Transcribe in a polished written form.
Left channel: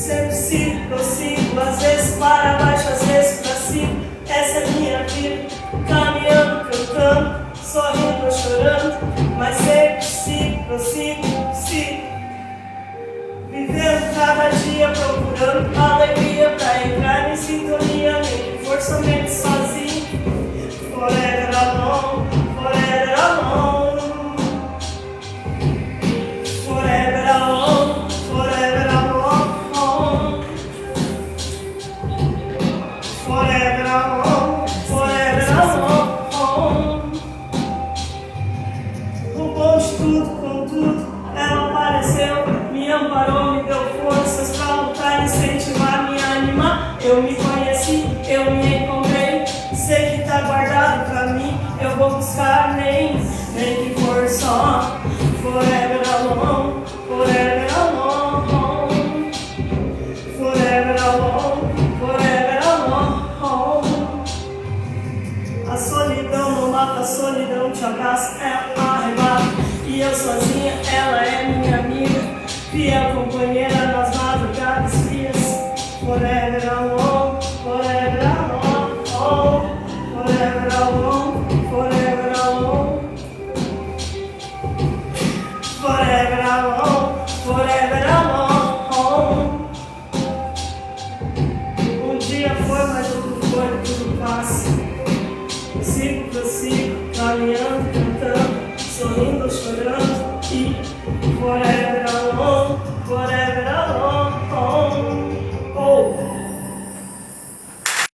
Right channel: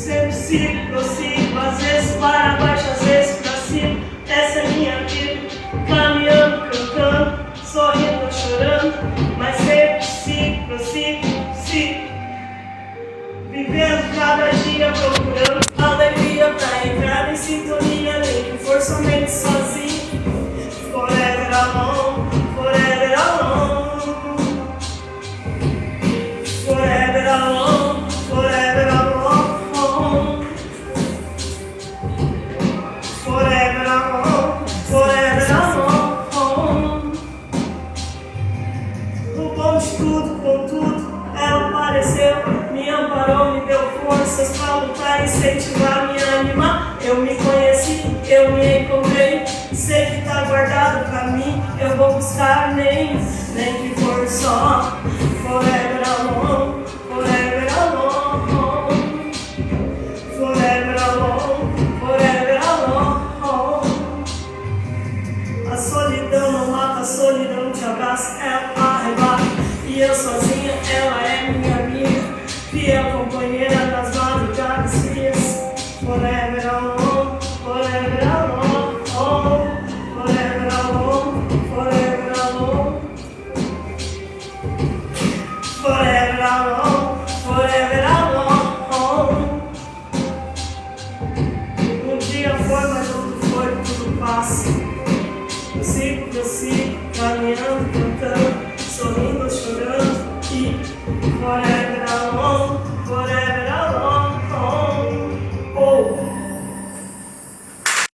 Sempre sigo, prossigo, às vezes para baixo, às vezes pra cima. Essa é minha vida, caminhando, cantando, sorrindo ou chorando, mas sempre sigo, prossigo, sigo. Vivendo cada dia, procurando alegria pra entrar em sintonia, nem que for somente sozinho. Forever alone, forever alone. Forever alone, forever alone. Forever alone, forever alone. Roubou de tudo, com tudo, ela apareceu, me amparou, me deu forças pra lutar, incentivar, me animar. Eu me conheci, eu me encontrei, sei que tá guardado pra mim, eu vou buscar nem que for só. Forever alone, forever alone. Forever alone, forever alone. A solidão não mata, a solidão te abraça, ela arrebata. E eu sozinha, ela é minha amiga, fiel companheira das madrugadas frias. Forever alone.